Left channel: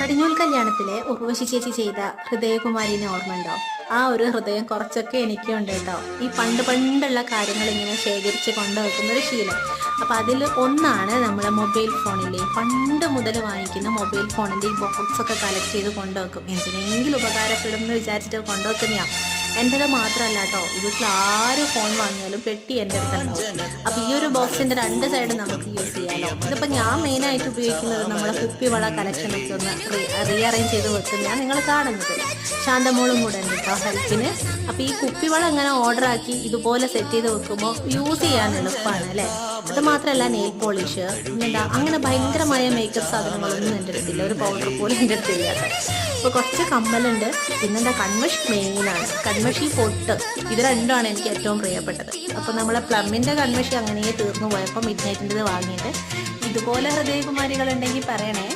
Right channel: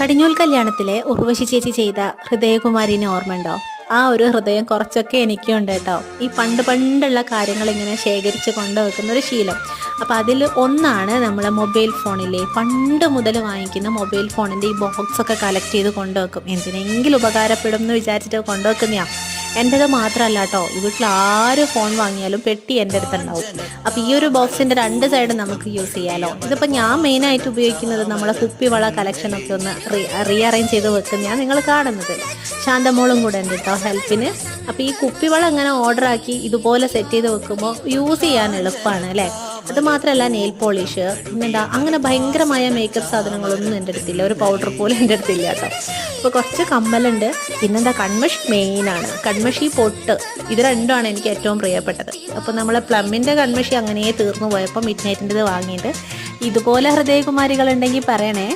കടിഞ്ഞൂൽ കല്യാണത്തിലെ ഉർവശി ചേച്ചി ചെയ്ത ഹൃദയകുമാരിനെ ഓർമ്മയുണ്ടോ? ആ ഒരു ഹൃദയം കുറച്ചൊക്കെ എനിക്കും ഉണ്ട് കേട്ടോ. ഈ പണ്ടുള്ള കാര്യങ്ങൾ ഇങ്ങനെ ശേഖരിച്ച് കൊണ്ടുവെക്കുന്ന ഒരു ശീലം. അപ്പം അതിൽ ഒന്നാണ് നമ്മളെ മൊബൈൽ ഫോണിലെ പണ്ട് മുതൽ വാങ്ങിക്കുന്ന മൊബൈൽ ഫോണിൻ്റെ ഈ ബോക്സൊക്കെ കളക്ട് ചെയ്ത് കൊണ്ടുവെക്കും. എന്തിനെങ്കിലും ഉപകാരപ്പെടും എന്ന് വിചാരിച്ചിട്ട് കൊണ്ടുവെക്കുന്നതാണ്. എൻ്റെത് മാത്രമല്ല കേട്ടോ, വീട്ടിൽ ആര് ഫോൺ വാങ്ങിയാലും പെട്ടി എൻ്റെ അടുത്തുണ്ടാവും. അപ്പോൾ ഈ ഒരു ബോക്സിൻ്റെ രണ്ട് സൈഡും നമുക്ക് യൂസ് ചെയ്യാമല്ലോ. ഇതിപ്പോൾ ഞാൻ മെയിനായിട്ട് ഉപയോഗിക്കുന്നത് നമ്മളെ കുപ്പിവള കളക്ഷനൊക്കെ ഒന്ന് റീഅറേഞ്ച് ചെയ്ത് വെക്കുന്നതാണ് നിങ്ങൾ കാണുന്നത്. ശാന്തമോളും കൂടെ ഉണ്ട് കേട്ടോ ഹെൽപ്പിന്. അപ്പോൾ ഈ കുപ്പിവള ഇങ്ങനെ ഓർഡറാക്കി ഇതുപോലെ സെറ്റ് ചെയ്ത് വെക്കുമ്പോൾ യൂസ് ചെയ്യാൻ എളുപ്പമാണ് അല്ലേ. അത് മാത്രമല്ല നെയിൽ പോളിഷ്, പിന്നെന്താ അങ്ങനെ ഭയങ്കരമായ മേക്കപ്പ് സാധനങ്ങളൊന്നും എൻ്റെ അടുത്തില്ല. ഒരു പൗഡർ പോലും എൻ്റെ അടുത്തില്ല കേട്ടോ. ഇപ്പോൾ കുറച്ച് കമ്മലുണ്ട്, പിന്നെന്താ കൺമഷി മെയിനാണ്. കൺമഷി പൊട്ട്, ഇത് രണ്ടുമാണ് എനിക്ക് ഏറ്റവും പ്രിയപ്പെട്ടത്. അപ്പോൾ നമ്മളെ പ്ലമ്മിൻ്റെ കൺമഷി അങ്ങനെ തീർന്നു പോയപ്പോൾ മിഡ് നൈറ്റിൻ്റെത് വാങ്ങിയിട്ട് ഇതുപോലെ ഹൃദയകുമാരികളുണ്ടെങ്കിൽ പറയണേ.